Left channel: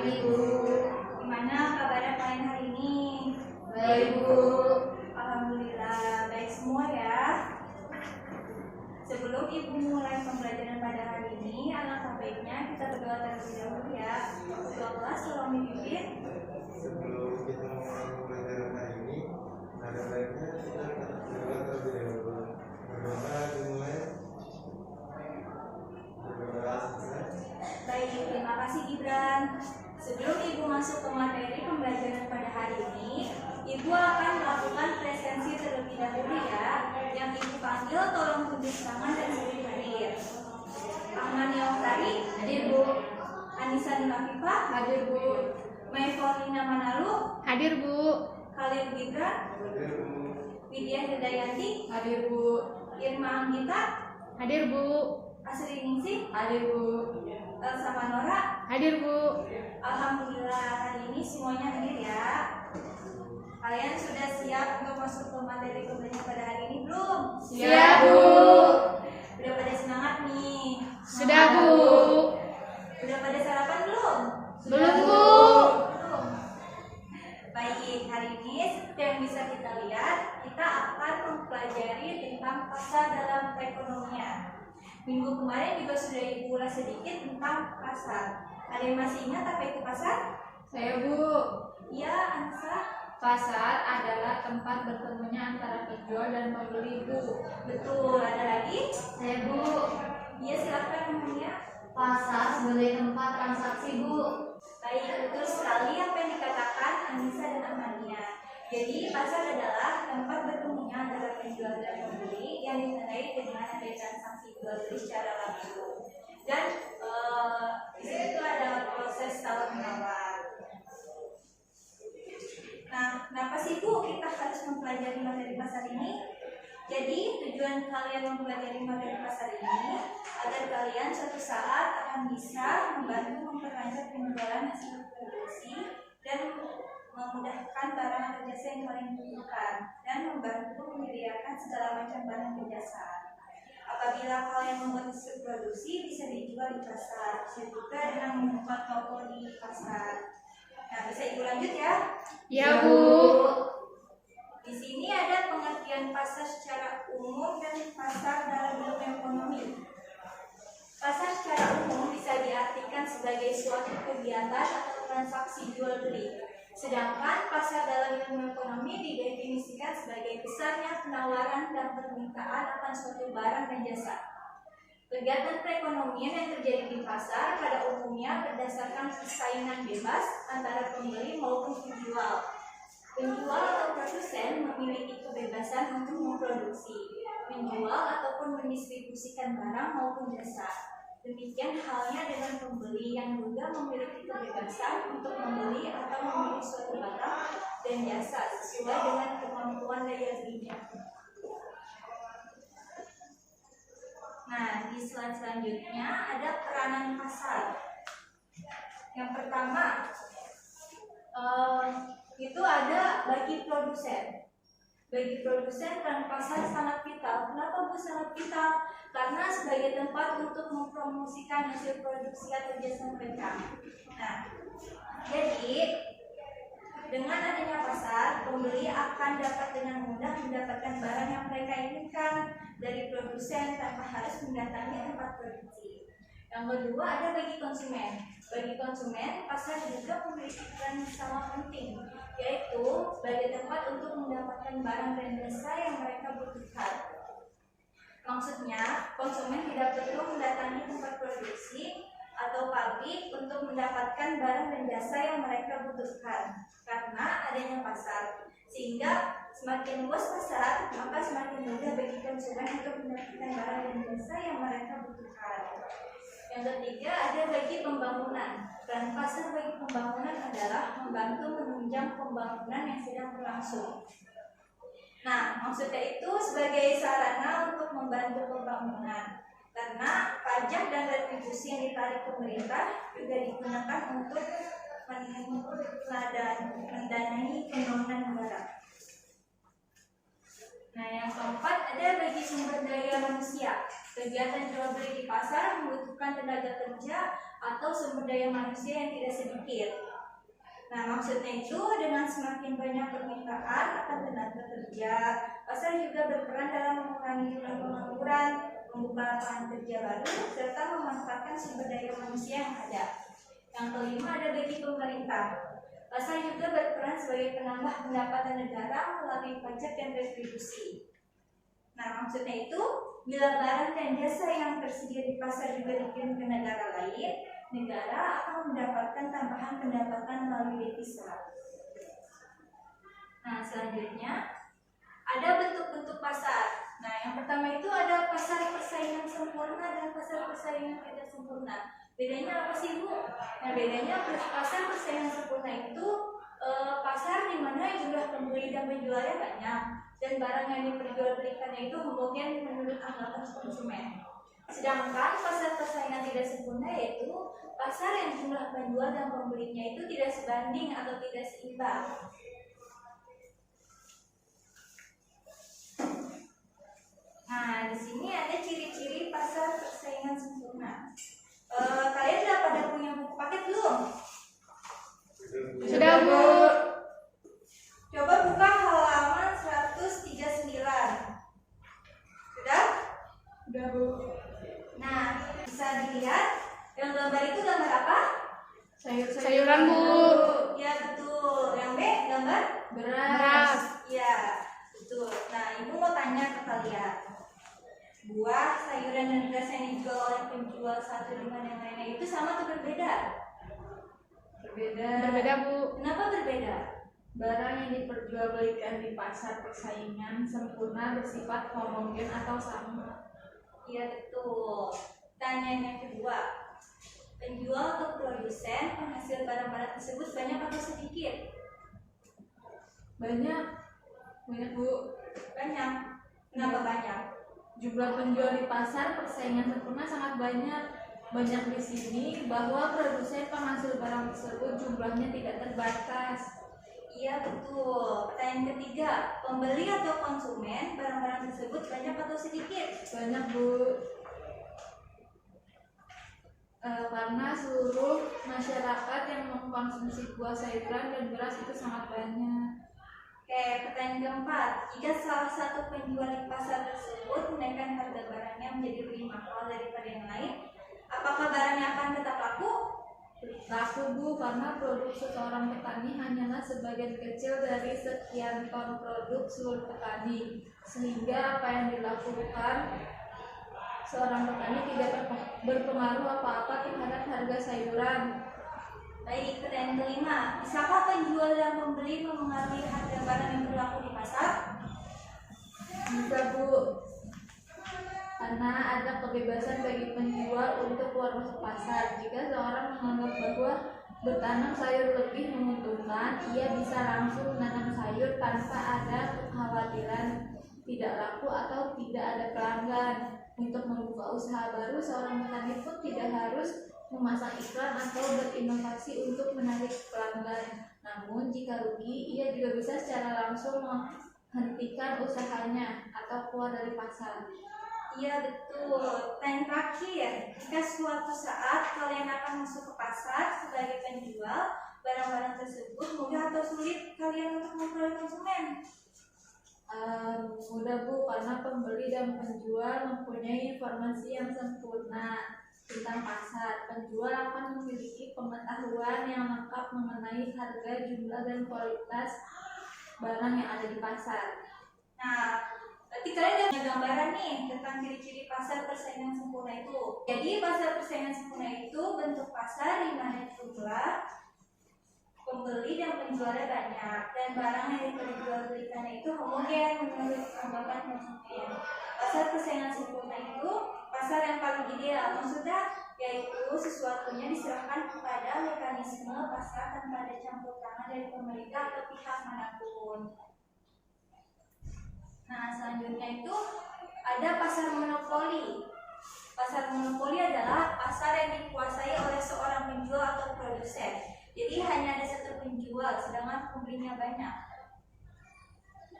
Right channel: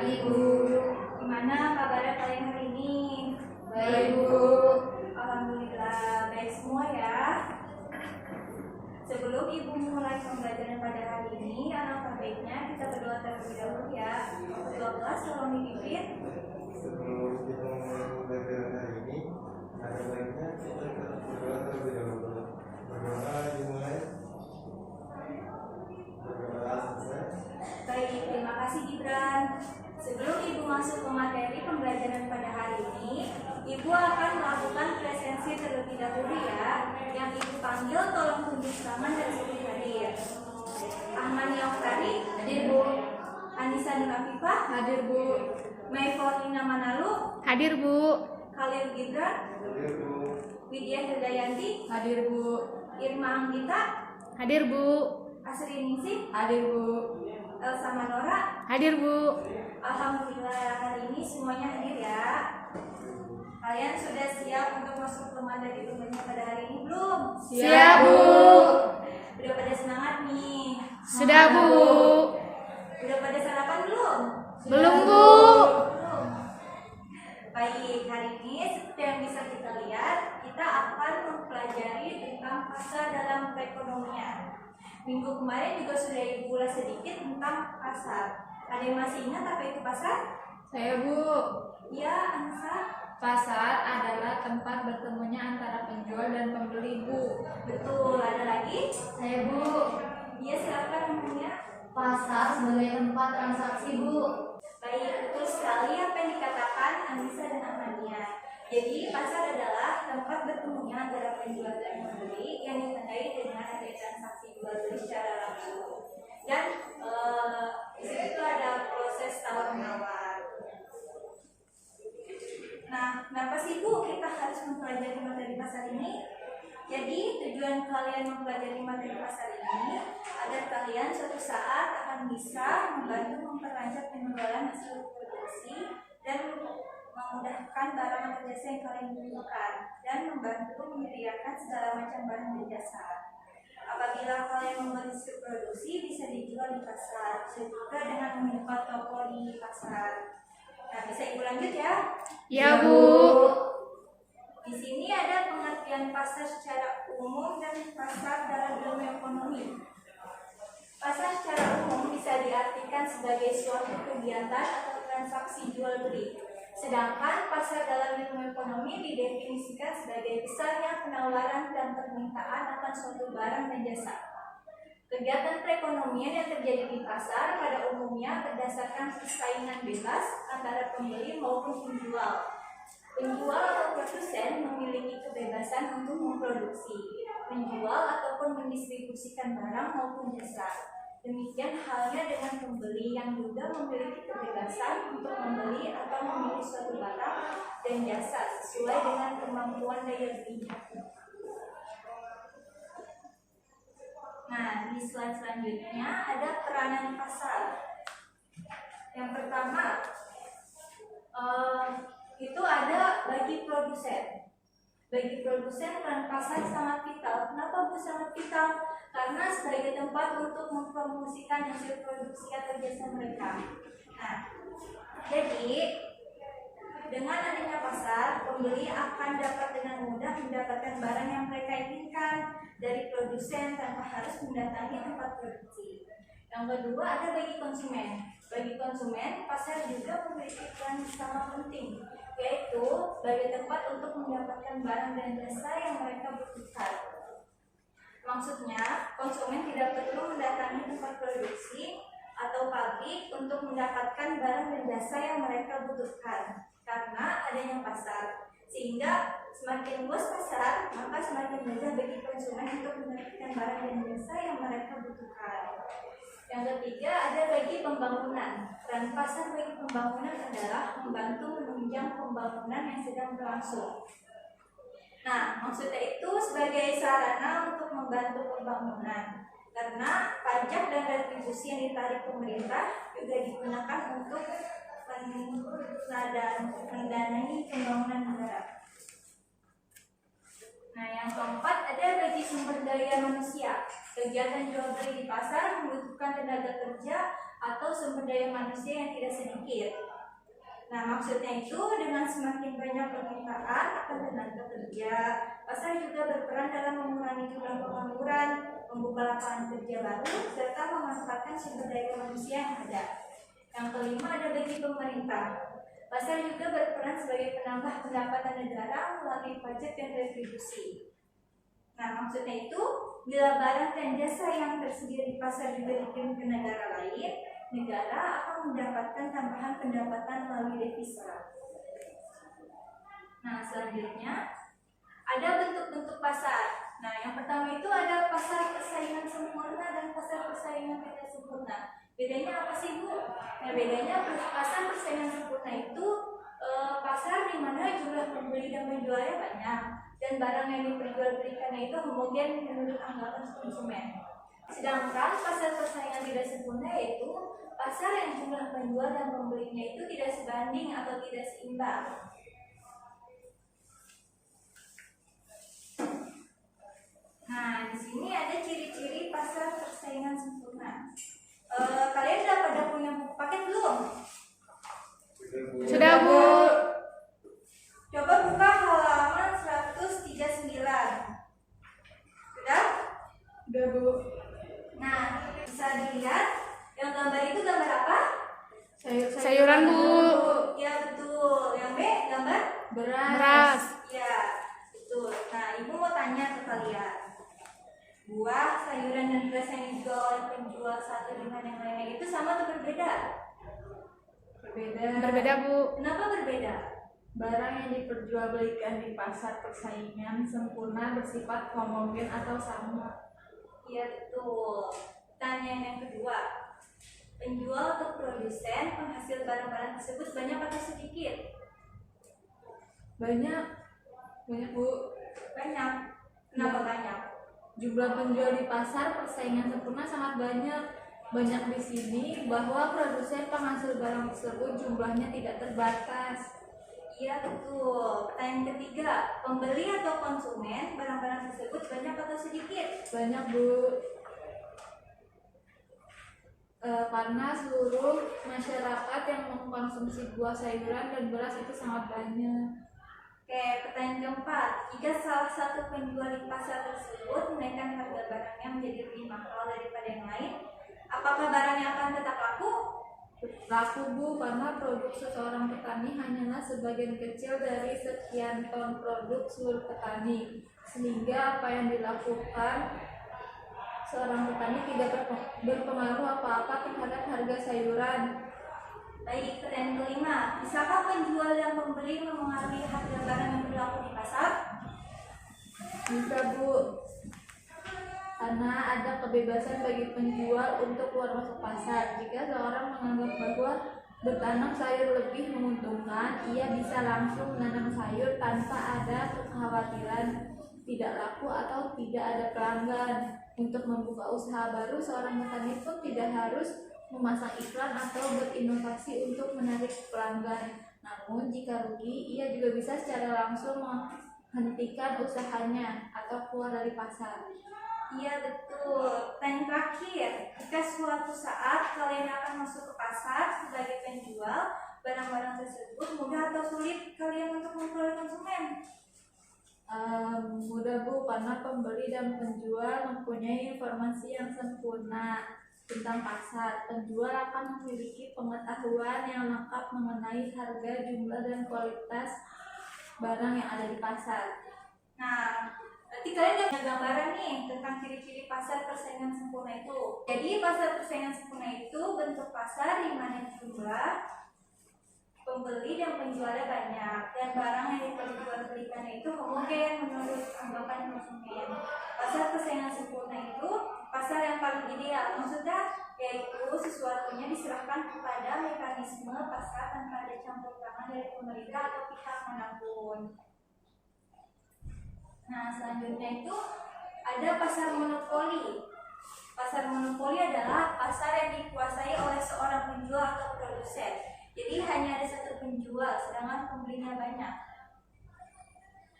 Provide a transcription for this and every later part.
pagi, Bu. Gimana kabarnya kalian hari ini? Baik, Bu. Alhamdulillah, baik semua ya. Sebelum Ibu mulai pembelajaran pada hari ini, alangkah baiknya kita berdoa terlebih dahulu ya. Berdoa kelas tolong dipimpin. Sebelum kita mulai pembelajaran hari ini, ada baiknya kita berdoa terlebih dahulu. Berdoa dimulai. Berdoa selesai. Baik, terima kasih Gibran. Sebelum Ibu masuk ke materi pembelajaran pada hari ini, Ibu akan melakukan presensi terlebih dahulu ya. Yang Ibu panggil tolong tunjuk tangan dan sebut hadir. Ahmad Yautari, Hadir, Bu. Anissa Nurafifah, Hadir, Bu. Mei Paulina Manalu, Hadir, Bu. Khalil Gibran, Hadir, Bu. Widya Hirdayanti, Hadir, Bu. Irma Anggita, Hadir, Bu. Asri Ningsih, Hadir, Bu. Elsa Manora. Hadir, Bu. Alhamdulillah hari ini semuanya hadir ya. Kalian sudah siap untuk masuk ke materi pembelajaran pada hari ini belum? Siap, Bu. Udah pada semangat nih? Sudah, Bu. Udah pada sarapan belum? Belum, Bu. Belum. Baik, hari ini seperti yang bisa kita lihat, kita akan mempelajari tentang pasar dalam perekonomian. Minggu kemarin juga sudah Ibu ulas sedikit tentang pasar. Ada yang masih ingat apa itu pasar? Saya, Bu. Iya, Anissa. Pasar adalah tempat bertemunya antara penjual dan pembeli, Bu. Betul, ada lagi? Saya, Bu. Iya, silakan namanya. Pasar sebagai tempat transaksi, Bu. Baik, betul sekali apa yang dikatakan Anissa dan Amania. Jadi, pasar adalah tempat bertemunya antara penjual dan pembeli yang ditandai dengan adanya transaksi jual beli secara langsung. Dan di situ ada proses tawar menawar. Nah, kenapa sih Bu kita harus mempelajari materi pasar ini? Jadi tujuan kalian mempelajari materi pasar ini agar kalian suatu saat akan bisa membantu memperlancar penjualan hasil produksi dan memudahkan barang atau jasa yang kalian butuhkan dan membantu menyediakan segala macam barang dan jasa. Apabila kalian membuat hasil produksi bisa dijual di pasar, bisa juga dengan membuka toko di pasar. Nah, bisa Ibu lanjut ya? Ya, Bu. Di sini ada pengertian pasar secara umum dan pasar dalam ilmu ekonomi. Pasar secara umum bisa diartikan sebagai suatu kegiatan atau transaksi jual beli. Sedangkan pasar dalam ilmu ekonomi didefinisikan sebagai besarnya penawaran dan permintaan akan suatu barang dan jasa. Kegiatan perekonomian yang terjadi di pasar pada umumnya berdasarkan persaingan bebas antara pembeli maupun penjual. Penjual atau produsen memiliki kebebasan untuk memproduksi, menjual ataupun mendistribusikan barang maupun jasa. Demikian halnya dengan pembeli yang juga memiliki kebebasan untuk membeli atau memilih suatu barang dan jasa sesuai dengan kemampuan daya belinya. Nah, di slide selanjutnya ada peranan pasar. Yang pertama, itu ada bagi produsen. Bagi produsen peran pasar sangat vital. Kenapa Bu sangat vital? Karena sebagai tempat untuk mempromosikan hasil produksi atau jasa mereka. Nah, jadi dengan adanya pasar, pembeli akan dapat dengan mudah mendapatkan barang yang mereka inginkan dari produsen tanpa harus mendatangi tempat produksi. Yang kedua ada bagi konsumen. Bagi konsumen, pasar juga memiliki peran sama penting, yaitu sebagai tempat untuk mendapatkan barang dan jasa yang mereka butuhkan. Maksudnya, konsumen tidak perlu mendatangi tempat produksi atau pabrik untuk mendapatkan barang dan jasa yang mereka butuhkan karena adanya pasar. Sehingga semakin luas pasar, maka semakin mudah bagi konsumen untuk mendapatkan barang dan jasa yang mereka butuhkan. Yang ketiga ada bagi pembangunan. Peran pasar bagi pembangunan adalah membantu menunjang pembangunan yang sedang berlangsung. Nah, maksudnya itu sebagai sarana untuk membantu pembangunan. Karena pajak dan retribusi yang ditarik pemerintah juga digunakan untuk mendanai pembangunan negara. Nah, yang keempat ada bagi sumber daya manusia. Kegiatan jual beli di pasar membutuhkan tenaga kerja atau sumber daya manusia yang tidak sedikit. Nah, maksudnya itu dengan semakin banyak permintaan akan tenaga kerja, pasar juga berperan dalam mengurangi jumlah pengangguran, membuka lapangan kerja baru, serta memanfaatkan sumber daya manusia yang ada. Yang kelima ada bagi pemerintah. Pasar juga berperan sebagai penambah pendapatan negara melalui pajak dan retribusi. Nah, maksudnya itu, bila barang dan jasa yang tersedia di pasar juga dikirim ke negara lain, negara akan mendapatkan tambahan pendapatan melalui devisa. Nah, selanjutnya ada bentuk-bentuk pasar. Nah, yang pertama itu ada pasar persaingan sempurna dan pasar persaingan tidak sempurna. Bedanya apa sih, Bu? Nah, bedanya pasar persaingan sempurna itu pasar di mana jumlah pembeli dan penjualnya banyak dan barang yang diperjualbelikannya itu homogen menurut anggapan konsumen. Sedangkan pasar persaingan tidak sempurna yaitu pasar yang jumlah penjual dan pembelinya itu tidak sebanding atau tidak seimbang. Nah, di sini ada ciri-ciri pasar persaingan sempurna. Kalian udah pada punya buku paket belum? Sudah, Bu. Coba buka halaman 139. Sudah? Sudah, Bu. Nah, bisa dilihat yang gambar itu gambar apa? Sayuran, Bu. Ya, betul. Yang B gambar Beras. ya, betul. Nah, Ibu mau tanya ke kalian. Buah, sayuran dan beras yang dijual oleh penjual satu dengan yang lainnya itu sama atau berbeda? Berbeda, Bu. Kenapa berbeda? Barang yang diperjualbelikan di pasar persaingan sempurna bersifat homogen atau sama. Iya, betul. Pertanyaan yang kedua. Penjual atau produsen penghasil barang-barang tersebut banyak atau sedikit? Banyak, Bu. Banyak. Kenapa banyak? Jumlah penjual di pasar persaingan sempurna sangat banyak. Banyak di sini bahwa produsen penghasil barang tersebut jumlahnya tidak terbatas. Iya, betul. Pertanyaan ketiga, pembeli atau konsumen barang-barang tersebut banyak atau sedikit? Banyak, Bu. Karena seluruh masyarakat yang mengkonsumsi buah, sayuran, dan beras itu sangat banyak. Oke, pertanyaan keempat, jika salah satu penjual di pasar tersebut menaikkan harga barangnya menjadi lebih mahal daripada yang lain, apakah barangnya akan tetap laku? Laku, Bu, karena produk seseorang petani hanyalah sebagian kecil dari sekian ton produk seluruh petani, sehingga apa yang dilakukan seorang petani tidak berpengaruh apa-apa terhadap harga sayuran. Baik, pertanyaan kelima, bisakah penjual dan pembeli memengaruhi harga barang yang berlaku di pasar? Bisa, Bu, karena ada kebebasan bagi penjual untuk keluar masuk pasar. Jika seorang menganggap bahwa bertanam sayur lebih menguntungkan, ia bisa langsung menanam sayur tanpa ada kekhawatiran tidak laku atau tidak ada pelanggan. Untuk membuka usaha baru, seorang petani pun tidak harus memasang iklan atau berinovasi untuk menarik pelanggan. Namun jika rugi, ia juga bisa secara langsung menghentikan usahanya atau keluar dari pasar. Iya, betul. Pertanyaan terakhir, jika suatu saat kalian akan masuk ke pasar sebagai penjual, barang-barang tersebut mudah atau sulit kalian untuk memperoleh konsumen? Mudah, Bu, karena pembeli dan penjual mempunyai informasi yang sempurna tentang pasar. Penjual akan memiliki pengetahuan yang lengkap mengenai harga, jumlah, dan kualitas barang yang ada di pasar. Nah, berarti kalian udah punya gambaran nih tentang ciri-ciri pasar persaingan sempurna itu. Jadi pasar persaingan sempurna itu bentuk pasar di mana jumlah pembeli dan penjualnya banyak dan barang yang diperjualbelikan itu homogen menurut anggapan konsumen. Pasar persaingan sempurna itu pasar yang paling ideal, maksudnya yaitu sesuatunya diserahkan kepada mekanisme pasar tanpa ada campur tangan dari pemerintah atau pihak manapun. Nah, selanjutnya itu ada pasar monopoli. Pasar monopoli adalah pasar yang dikuasai oleh seorang penjual atau produsen. Jadi hanya ada satu penjual, sedangkan pembelinya banyak.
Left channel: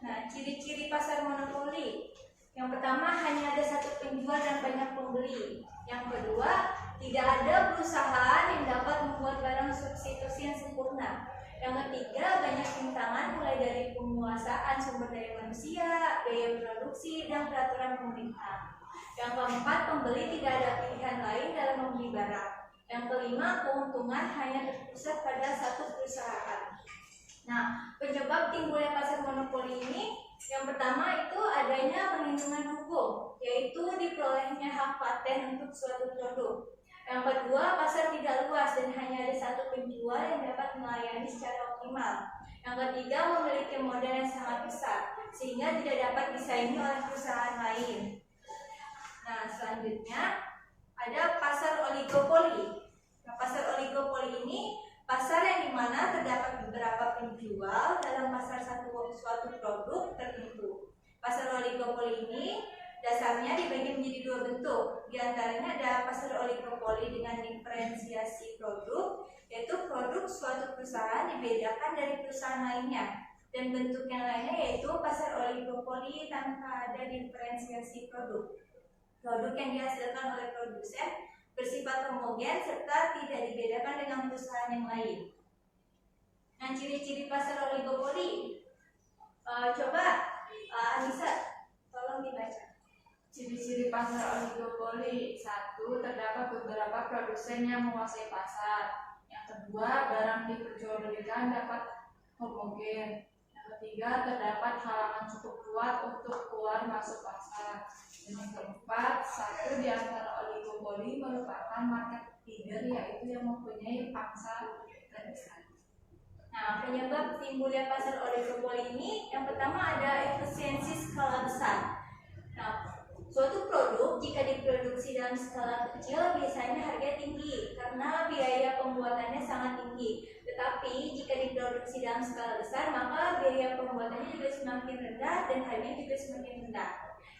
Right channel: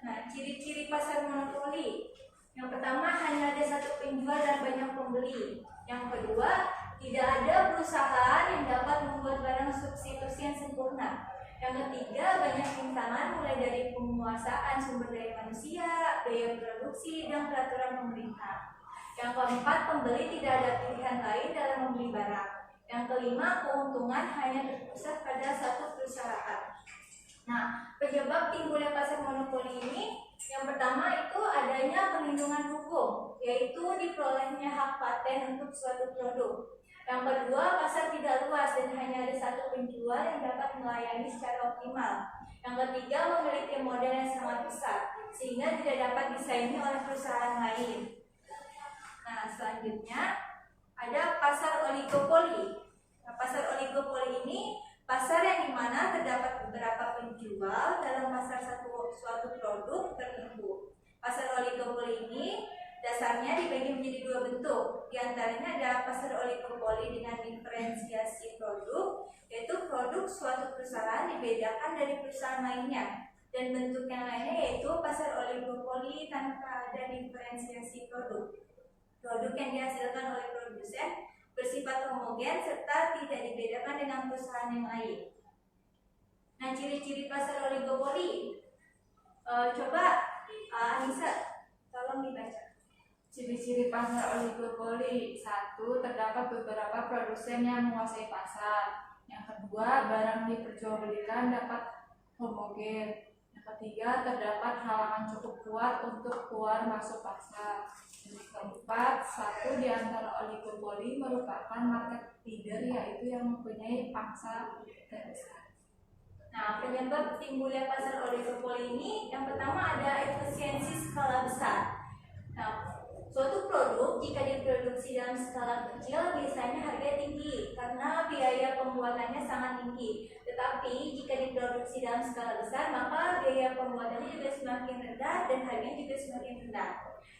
Nah, ciri-ciri pasar monopoli. Yang pertama, hanya ada satu penjual dan banyak pembeli. Yang kedua, tidak ada perusahaan yang dapat membuat barang substitusi yang sempurna. Yang ketiga, banyak rintangan mulai dari penguasaan sumber daya manusia, biaya produksi, dan peraturan pemerintah. Yang keempat, pembeli tidak ada pilihan lain dalam membeli barang. Yang kelima, keuntungan hanya terpusat pada satu perusahaan. Nah, penyebab timbulnya pasar monopoli ini, yang pertama itu adanya perlindungan hukum, yaitu diperolehnya hak paten untuk suatu produk. Yang kedua, pasar tidak luas dan hanya ada satu penjual yang dapat melayani secara optimal. Yang ketiga, memiliki modal yang sangat besar, sehingga tidak dapat disaingi oleh perusahaan lain. Nah, selanjutnya ada pasar oligopoli. Nah, pasar oligopoli ini pasar yang dimana terdapat beberapa penjual dalam pasar suatu produk tertentu. Pasar oligopoli ini dasarnya dibagi menjadi dua bentuk. Di antaranya ada pasar oligopoli dengan diferensiasi produk, yaitu produk suatu perusahaan dibedakan dari perusahaan lainnya. Dan bentuk yang lainnya yaitu pasar oligopoli tanpa ada diferensiasi produk. Produk yang dihasilkan oleh produsen bersifat homogen serta tidak dibedakan dengan perusahaan yang lain. Nah, ciri-ciri pasar oligopoli, coba Anissa tolong dibaca. Ciri-ciri pasar oligopoli: 1. Terdapat beberapa produsen yang menguasai pasar. Yang kedua, barang diperjualbelikan dapat homogen. Yang ketiga, terdapat halangan cukup kuat untuk keluar masuk pasar. Dan yang keempat, satu di antara oligopoli merupakan market leader, yaitu yang mempunyai pangsa terbesar. Nah, penyebab timbulnya pasar oligopoli ini, yang pertama ada efisiensi skala besar. Nah, suatu produk jika diproduksi dalam skala kecil biasanya harganya tinggi karena biaya pembuatannya sangat tinggi. Tetapi jika diproduksi dalam skala besar maka biaya pembuatannya juga semakin rendah dan harganya juga semakin rendah.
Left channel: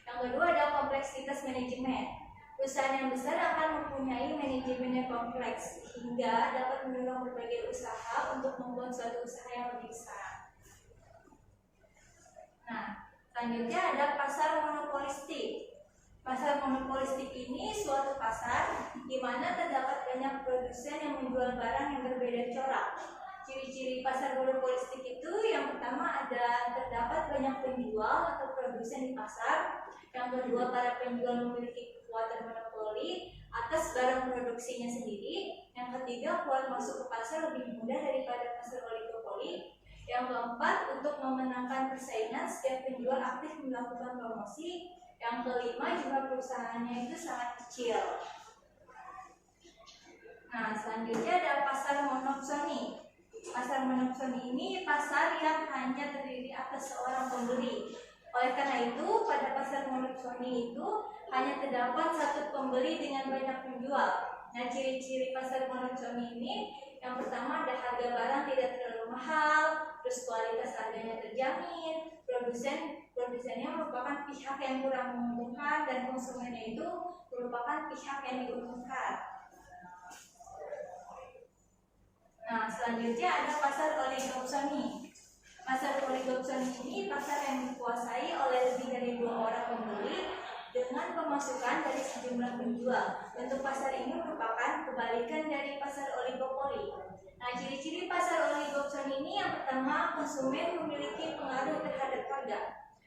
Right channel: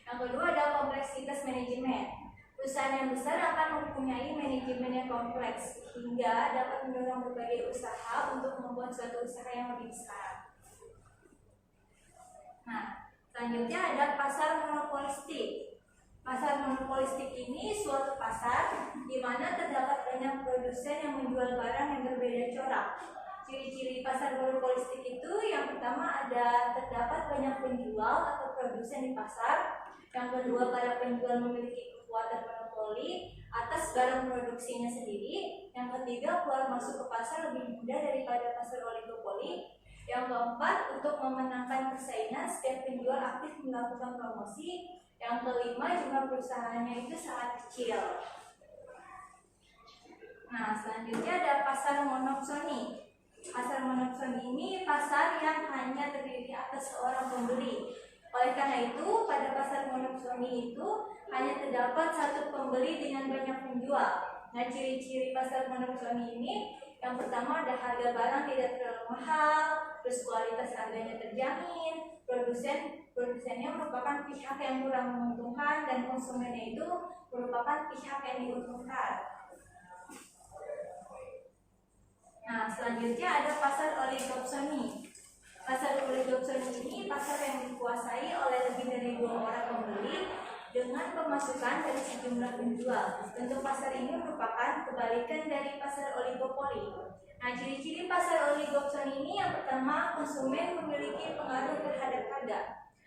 Yang kedua ada kompleksitas manajemen. Perusahaan yang besar akan mempunyai manajemen yang kompleks hingga dapat mendorong berbagai usaha untuk membuat suatu usaha yang lebih besar. Nah, selanjutnya ada pasar monopolistik. Pasar monopolistik ini suatu pasar di mana terdapat banyak produsen yang menjual barang yang berbeda corak. Ciri-ciri pasar monopolistik itu yang pertama ada terdapat banyak penjual atau produsen di pasar. Yang kedua, para penjual memiliki kekuatan monopoli atas barang produksinya sendiri. Yang ketiga, keluar masuk ke pasar lebih mudah daripada pasar oligopoli. Yang keempat, untuk memenangkan persaingan setiap penjual aktif melakukan promosi. Yang kelima, jumlah perusahaannya itu sangat kecil. Nah, selanjutnya ada pasar monopsoni. Pasar monopsoni ini pasar yang hanya terdiri atas seorang pembeli. Oleh karena itu, pada pasar monopsoni itu hanya terdapat satu pembeli dengan banyak penjual. Nah, ciri-ciri pasar monopsoni ini yang pertama ada harga barang tidak terlalu mahal, terus kualitas harganya terjamin, produsennya merupakan pihak yang kurang menguntungkan dan konsumennya itu merupakan pihak yang diuntungkan. Nah, selanjutnya ada pasar oligopsoni. Pasar oligopsoni ini pasar yang dikuasai oleh lebih dari 2 orang pembeli dengan pemasukan dari sejumlah penjual. Bentuk pasar ini merupakan kebalikan dari pasar oligopoli. Nah, ciri-ciri pasar oligopsoni ini yang pertama, konsumen memiliki pengaruh terhadap harga.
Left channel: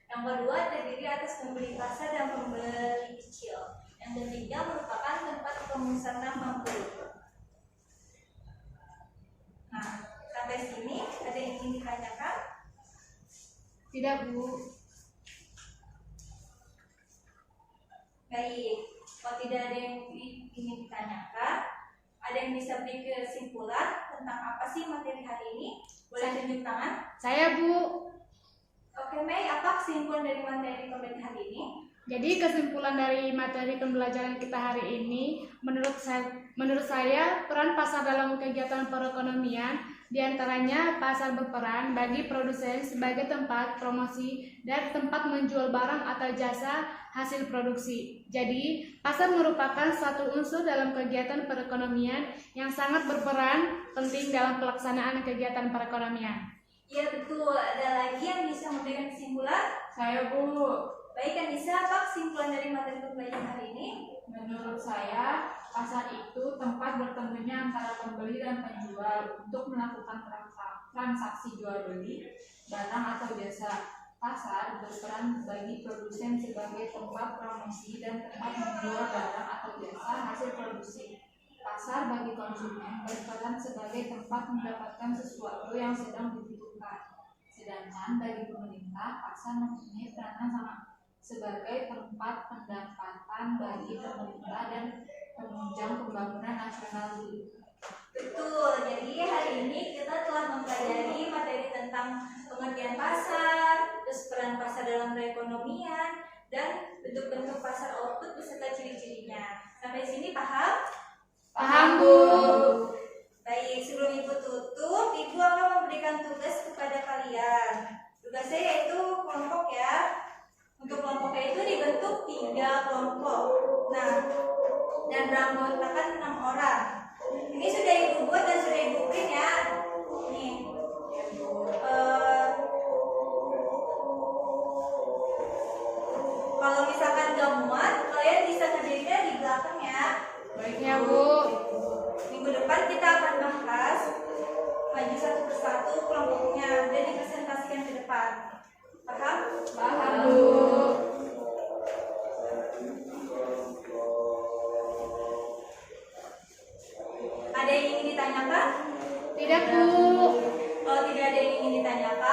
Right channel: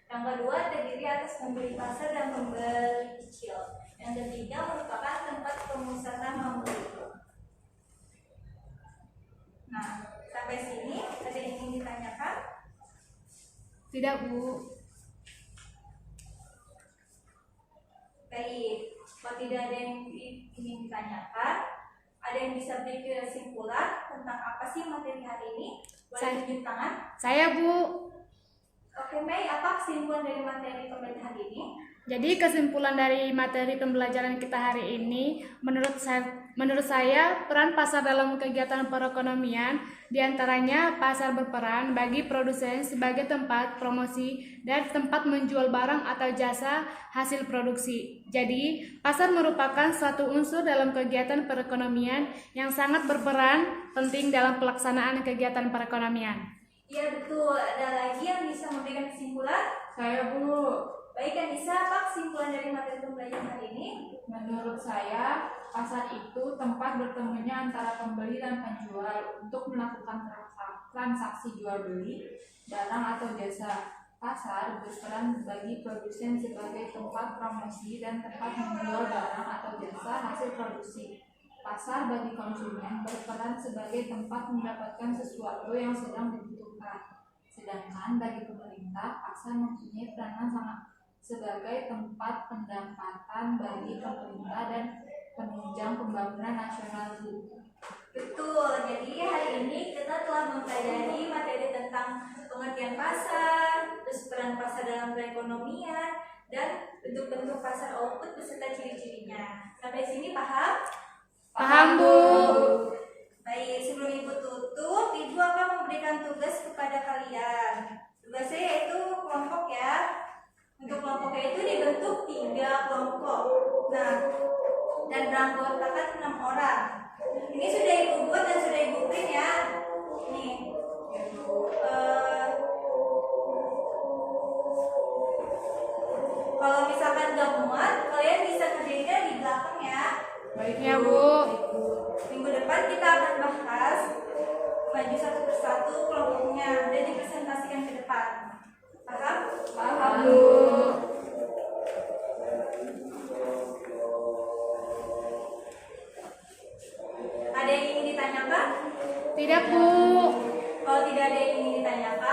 Yang kedua, terdiri atas pembeli pasar dan pembeli kecil. Yang ketiga, merupakan tempat pemusatan membeli. Nah, sampai sini ada yang ingin ditanyakan? Tidak, Bu. Baik, kalau tidak ada yang ingin ditanyakan, ada yang bisa beri kesimpulan tentang apa sih materi hari ini? Boleh tunjuk tangan? Saya, Bu. Oke, Mei, apa kesimpulan dari materi pembelajaran hari ini? Jadi kesimpulan dari materi pembelajaran kita hari ini, menurut saya peran pasar dalam kegiatan perekonomian diantaranya pasar berperan bagi produsen sebagai tempat promosi dan tempat menjual barang atau jasa hasil produksi. Jadi pasar merupakan suatu unsur dalam kegiatan perekonomian yang sangat berperan penting dalam pelaksanaan kegiatan perekonomian. Iya betul, ada lagi yang bisa memberikan kesimpulan? Saya, Bu. Baik, Anissa, apa kesimpulan dari materi pembelajaran hari ini? Menurut saya, pasar itu tempat bertemunya antara pembeli dan penjual untuk melakukan transaksi jual beli barang atau jasa. Pasar berperan bagi produsen sebagai tempat promosi dan tempat menjual barang atau jasa hasil produksi. Pasar bagi konsumen berperan sebagai tempat mendapatkan sesuatu yang sedang dibutuhkan. Sedangkan bagi pemerintah, pasar mempunyai peranan sebagai tempat pendapatan bagi pemerintah dan penunjang pembangunan nasional. Betul, jadi hari ini kita telah mempelajari materi tentang pengertian pasar, terus peran pasar dalam perekonomian, dan bentuk-bentuk pasar output beserta ciri-cirinya. Sampai sini paham? Paham, Bu. Baik, sebelum Ibu tutup, Ibu akan memberikan tugas kepada kalian. Tugasnya yaitu kelompok ya. Untuk kelompoknya itu dibentuk 3 kelompok. Nah, dan beranggotakan 6 orang. Ini sudah Ibu buat dan sudah Ibu print ya. Nih. Kalau misalkan gak muat, kalian bisa kerjainnya di belakang ya. Baiknya, Bu. Minggu depan kita akan bahas maju satu persatu kelompoknya dan dipresentasikan ke depan. Paham? Paham, Bu. Ada yang ingin ditanyakan? Tidak, Bu. Kalau tidak ada yang ingin ditanyakan,